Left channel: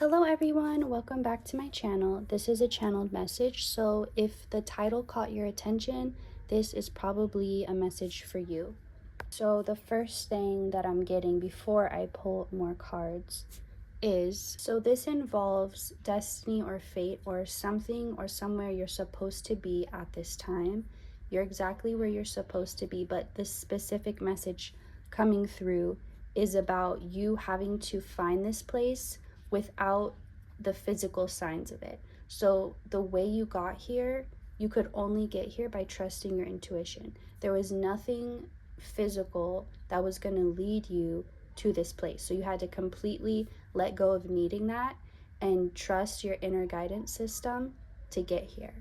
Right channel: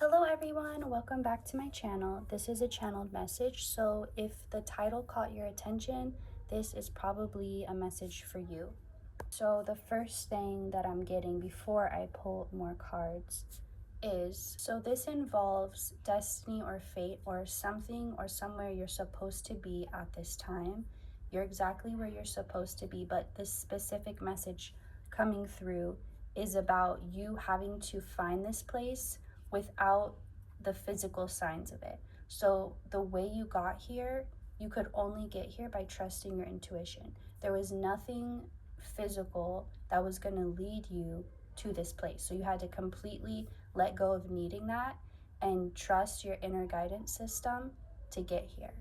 Hello everyone, welcome back to my channel. This is a channeled message, so if the title caught your attention, this is probably a message for you. So the first thing that I'm getting before I pull more cards is, so this involves destiny or fate or something or somewhere you're supposed to be at this time. You're exactly where you're supposed to be, but this specific message coming through is about you having to find this place without the physical signs of it. So the way you got here, you could only get here by trusting your intuition. There was nothing physical that was going to lead you to this place. So you had to completely let go of needing that and trust your inner guidance system to get here.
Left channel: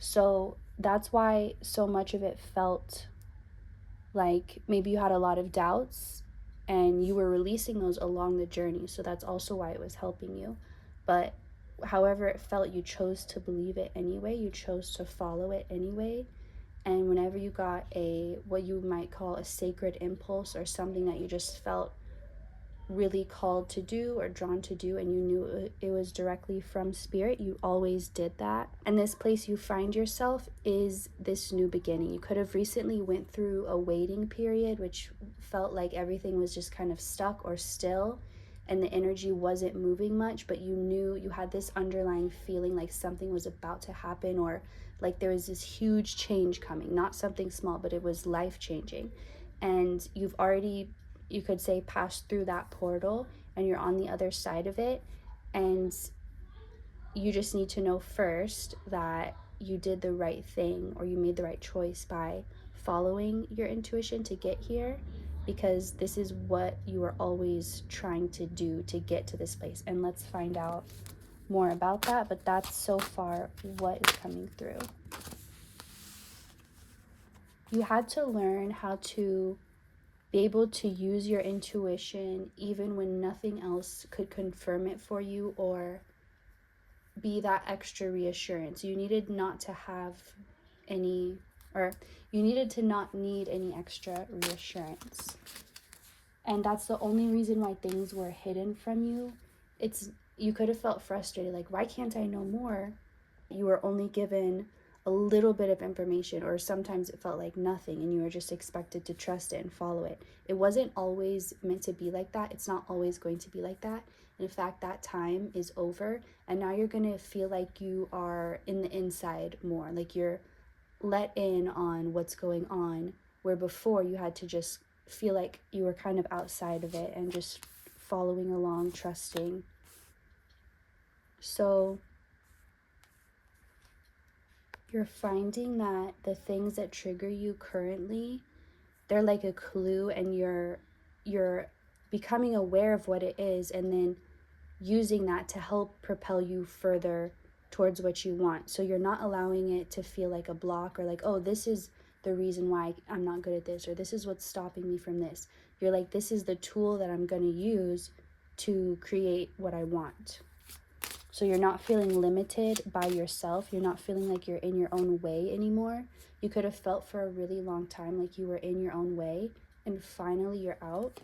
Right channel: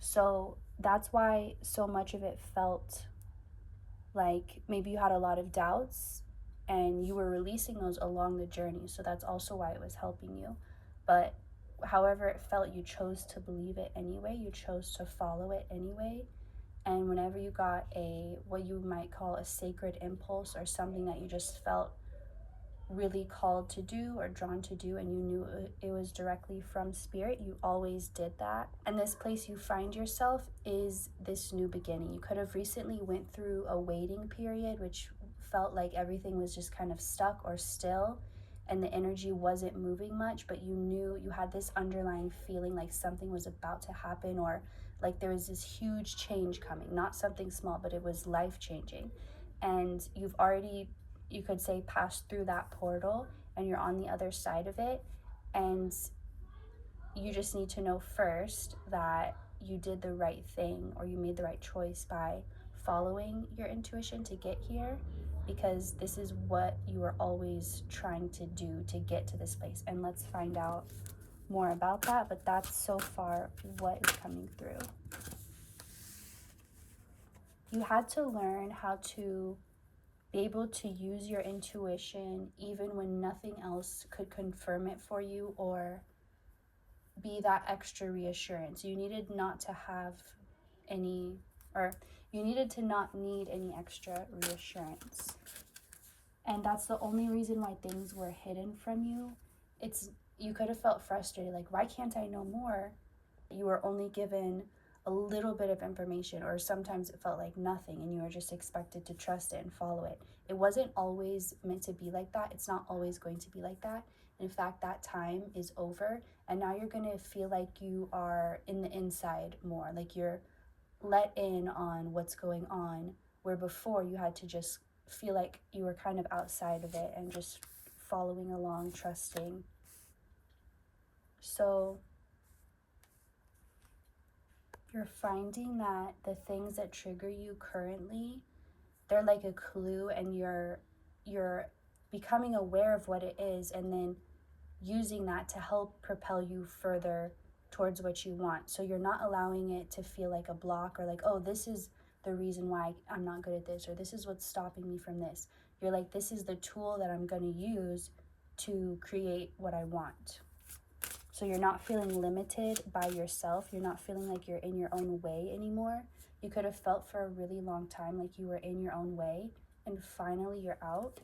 So that's why so much of it felt like maybe you had a lot of doubts and you were releasing those along the journey. So that's also why it was helping you. But however it felt, you chose to believe it anyway, you chose to follow it anyway. And whenever you got a what you might call a sacred impulse or something that you just felt really called to do or drawn to do, and you knew it was directly from spirit, you always did that. And this place you find yourself is this new beginning. You could have recently went through a waiting period, which felt like everything was just kind of stuck or still and the energy wasn't moving much, but you knew, you had this underlying feeling like something was about to happen, or like there was this huge change coming, not something small, but it was life changing. And you've already, you could say, passed through that portal and you're on the other side of it. And you just need to know first that you did the right thing or you made the right choice by following your intuition to get here, because this is what you are always trying to do to get to this place. And let's find out more about that, but that's so far what is coming through. You had to learn how to be able to use your intuition even when nothing else could confirm it for you or be that extra reassurance. You needed not to have any, or you needed to not need any extra reassurance. And that's the only reason why things were hidden from you. It's, you could have felt frustrated, like, why can't I know more? You were only given a little bit of information, or sometimes it felt like nothing, and you were just expected to trust it and follow it. It wasn't always meant to be like that. It's not always going to be like that. In fact, that time is over, and now you're going to feel like you are in the inside more, like you're let in on what's going on, where before you had to just feel like you were kind of outside of it and just following along, trusting. So you're finding that the things that trigger you currently, they're like a clue, and you're becoming aware of what it is and then using that to help propel you further towards what you want. So you're not allowing it to feel like a block, or like, oh, this is the reason why I'm not good at this, or this is what's stopping me from this. You're like, this is the tool that I'm going to use to create what I want. So you're not feeling limited by yourself. You're not feeling like you're in your own way anymore. You could have felt for a really long time like you were in your own way, and finally you're out.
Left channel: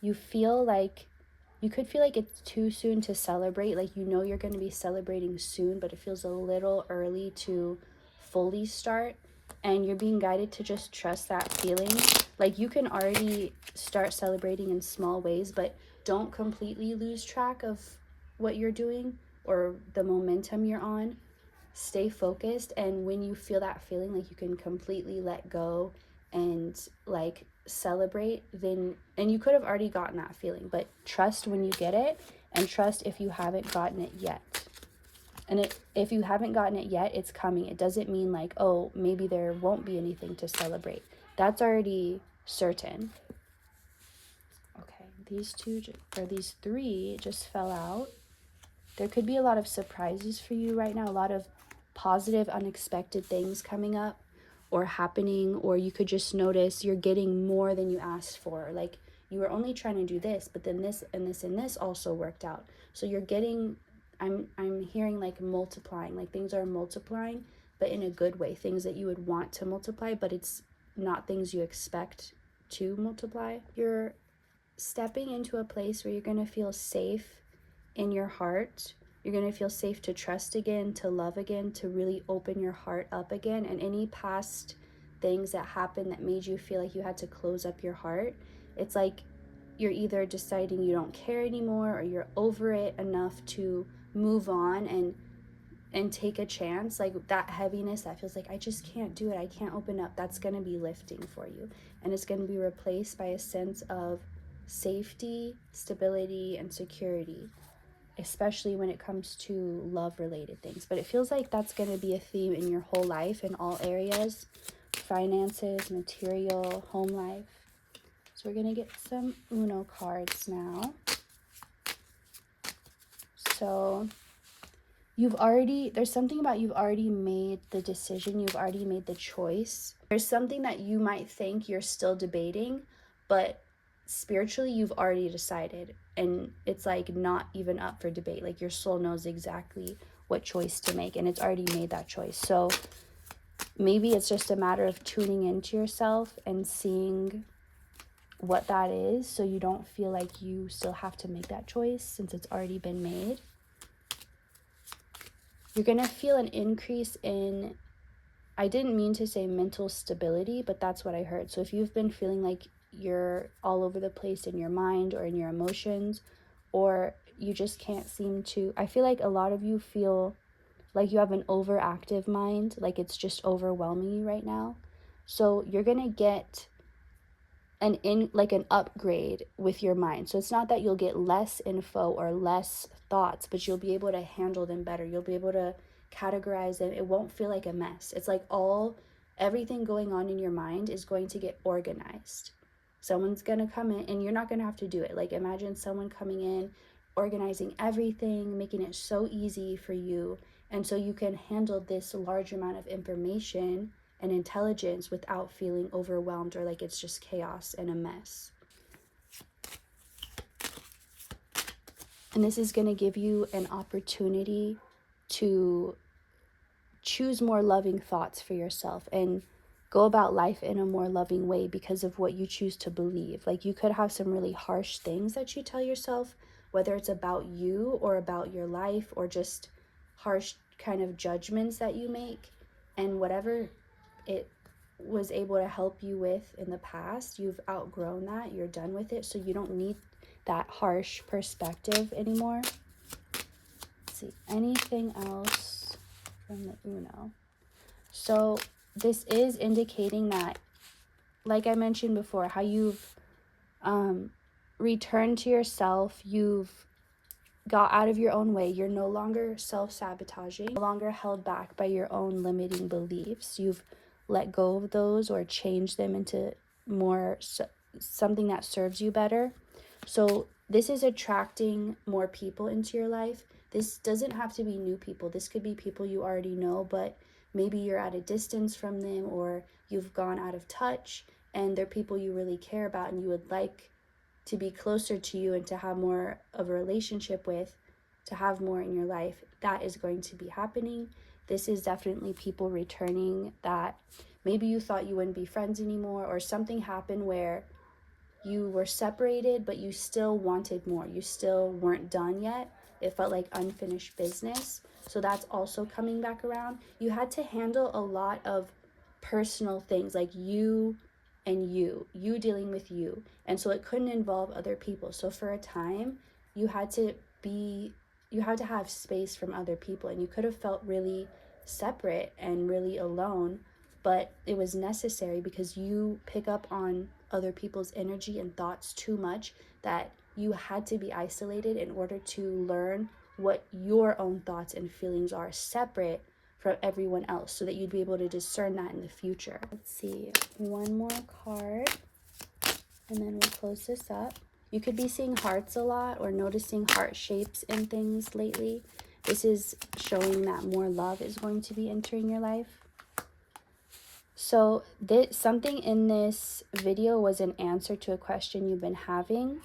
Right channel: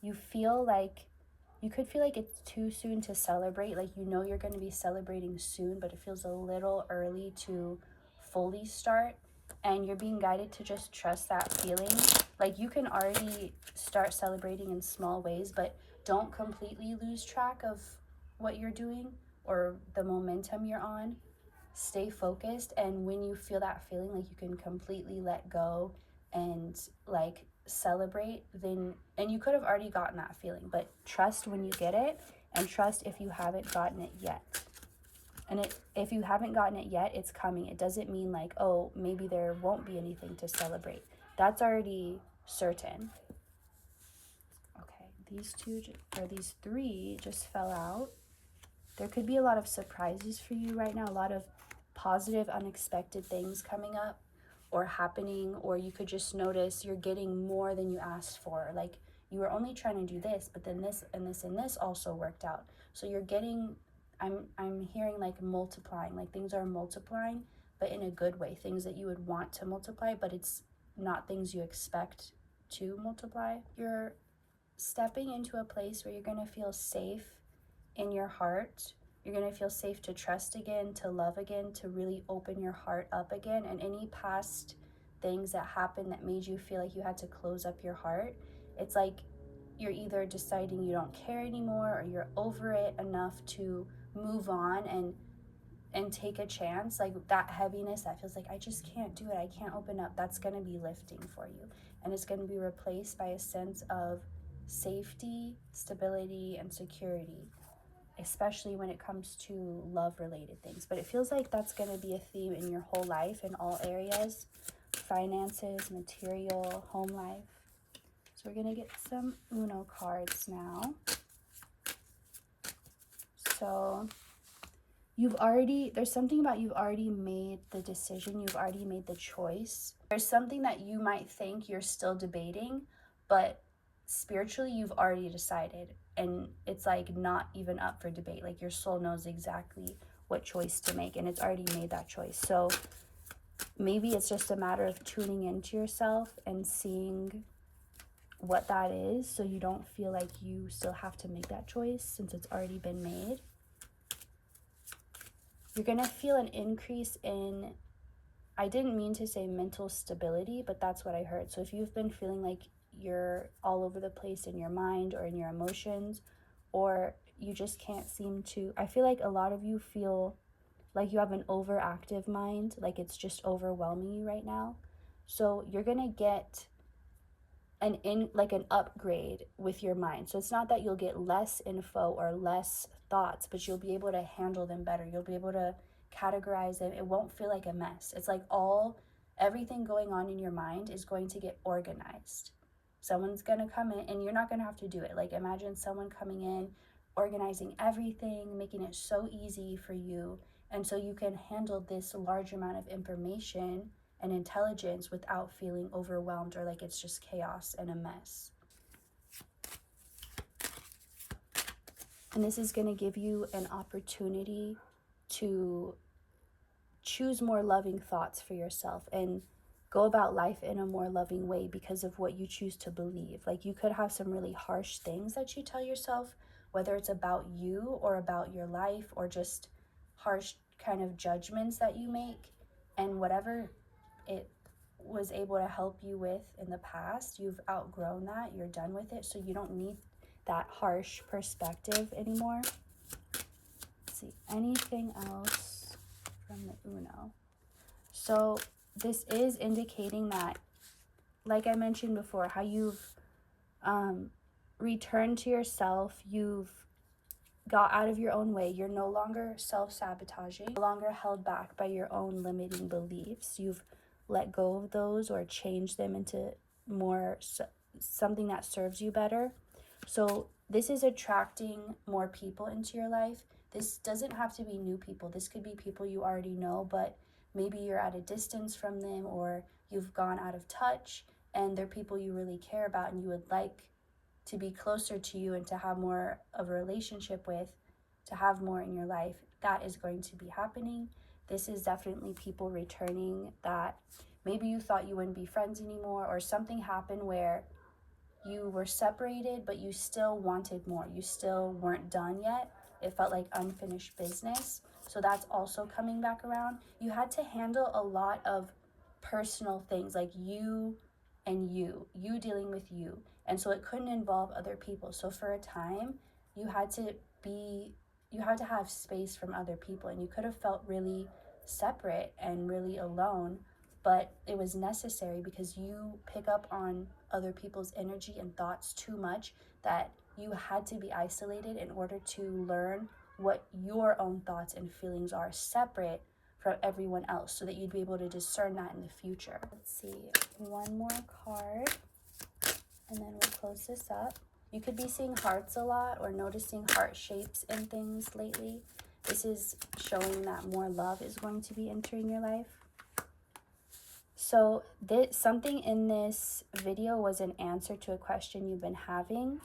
You feel like, you could feel like it's too soon to celebrate. Like, you know you're going to be celebrating soon, but it feels a little early to fully start. And you're being guided to just trust that feeling. Like, you can already start celebrating in small ways, but don't completely lose track of what you're doing or the momentum you're on. Stay focused, and when you feel that feeling like you can completely let go and like celebrate, then, and you could have already gotten that feeling, but trust when you get it, and trust if you haven't gotten it yet. And if you haven't gotten it yet, it's coming. It doesn't mean like, oh, maybe there won't be anything to celebrate. That's already certain. Okay, these two, or these three just fell out. There could be a lot of surprises for you right now, a lot of positive, unexpected things coming up or happening, or you could just notice you're getting more than you asked for. Like, you were only trying to do this, but then this and this and this also worked out. So you're getting, I'm hearing like multiplying, like things are multiplying, but in a good way, things that you would want to multiply, but it's not things you expect to multiply. You're stepping into a place where you're going to feel safe in your heart. You're going to feel safe to trust again, to love again, to really open your heart up again. And any past things that happened that made you feel like you had to close up your heart, it's like you're either deciding you don't care anymore or you're over it enough to move on and take a chance. Like that heaviness that feels like I just can't do it, I can't open up, that's going to be lifting for you, and it's going to be replaced by a sense of safety, stability, and security, especially when it comes to love related things. But it feels like that's going to be a theme in your whole life, in all areas: finances, material, home life. So we're going to get some Uno cards now. So there's something about you've already made the decision, you've already made the choice. There's something that you might think you're still debating, but spiritually you've already decided, and it's like not even up for debate. Like your soul knows exactly what choice to make, and it's already made that choice. So maybe it's just a matter of tuning into yourself and seeing what that is, so you don't feel like you still have to make that choice since it's already been made. You're going to feel an increase in, I didn't mean to say mental stability, but that's what I heard. So if you've been feeling like you're all over the place in your mind or in your emotions, or you just can't seem to, I feel like a lot of you feel like you have an overactive mind, like it's just overwhelming you right now. So you're going to get an upgrade with your mind. So it's not that you'll get less info or less thoughts, but you'll be able to handle them better. You'll be able to categorize them. It won't feel like a mess. It's like everything going on in your mind is going to get organized. Someone's going to come in and you're not going to have to do it. Like imagine someone coming in, organizing everything, making it so easy for you. And so you can handle this large amount of information and intelligence without feeling overwhelmed or like it's just chaos and a mess. And this is going to give you an opportunity to choose more loving thoughts for yourself and go about life in a more loving way because of what you choose to believe. Like you could have some really harsh things that you tell yourself, whether it's about you or about your life or just harsh kind of judgments that you make. And whatever it was able to help you with in the past, you've outgrown that, you're done with it, so you don't need that harsh perspective anymore. Let's see, anything else from the Uno? So this is indicating that, like I mentioned before, how you've returned to yourself, you've got out of your own way, you're no longer self-sabotaging, no longer held back by your own limiting beliefs. You've let go of those or changed them into more something that serves you better. So this is attracting more people into your life. This doesn't have to be new people. This could be people you already know, but maybe you're at a distance from them or you've gone out of touch and they're people you really care about and you would like to be closer to you and to have more of a relationship with, to have more in your life. That is going to be happening. This is definitely people returning that maybe you thought you wouldn't be friends anymore, or something happened where you were separated but you still wanted more, you still weren't done yet, it felt like unfinished business. So that's also coming back around. You had to handle a lot of personal things, like you and you dealing with you, and so it couldn't involve other people. So for a time you had to have space from other people, and you could have felt really separate and really alone, but it was necessary because you pick up on other people's energy and thoughts too much, that you had to be isolated in order to learn what your own thoughts and feelings are separate from everyone else, so that you'd be able to discern that in the future. Let's see, one more card and then we'll close this up. You could be seeing hearts a lot or noticing heart shapes in things lately. This is showing that more love is going to be entering your life. So something in this video was an answer to a question you've been having.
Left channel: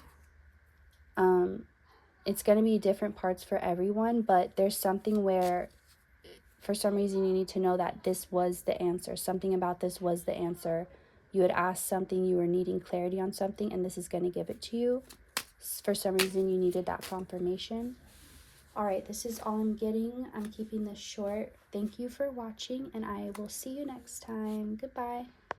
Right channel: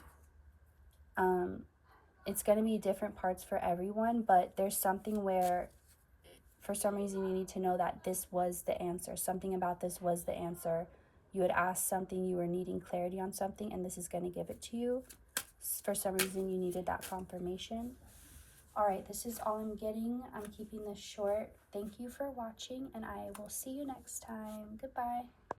It's going to be different parts for everyone, but there's something where for some reason you need to know that this was the answer. Something about this was the answer you had asked something, you were needing clarity on something, and this is going to give it to you. For some reason, you needed that confirmation. All right, this is all I'm getting. I'm keeping this short. Thank you for watching, and I will see you next time. Goodbye.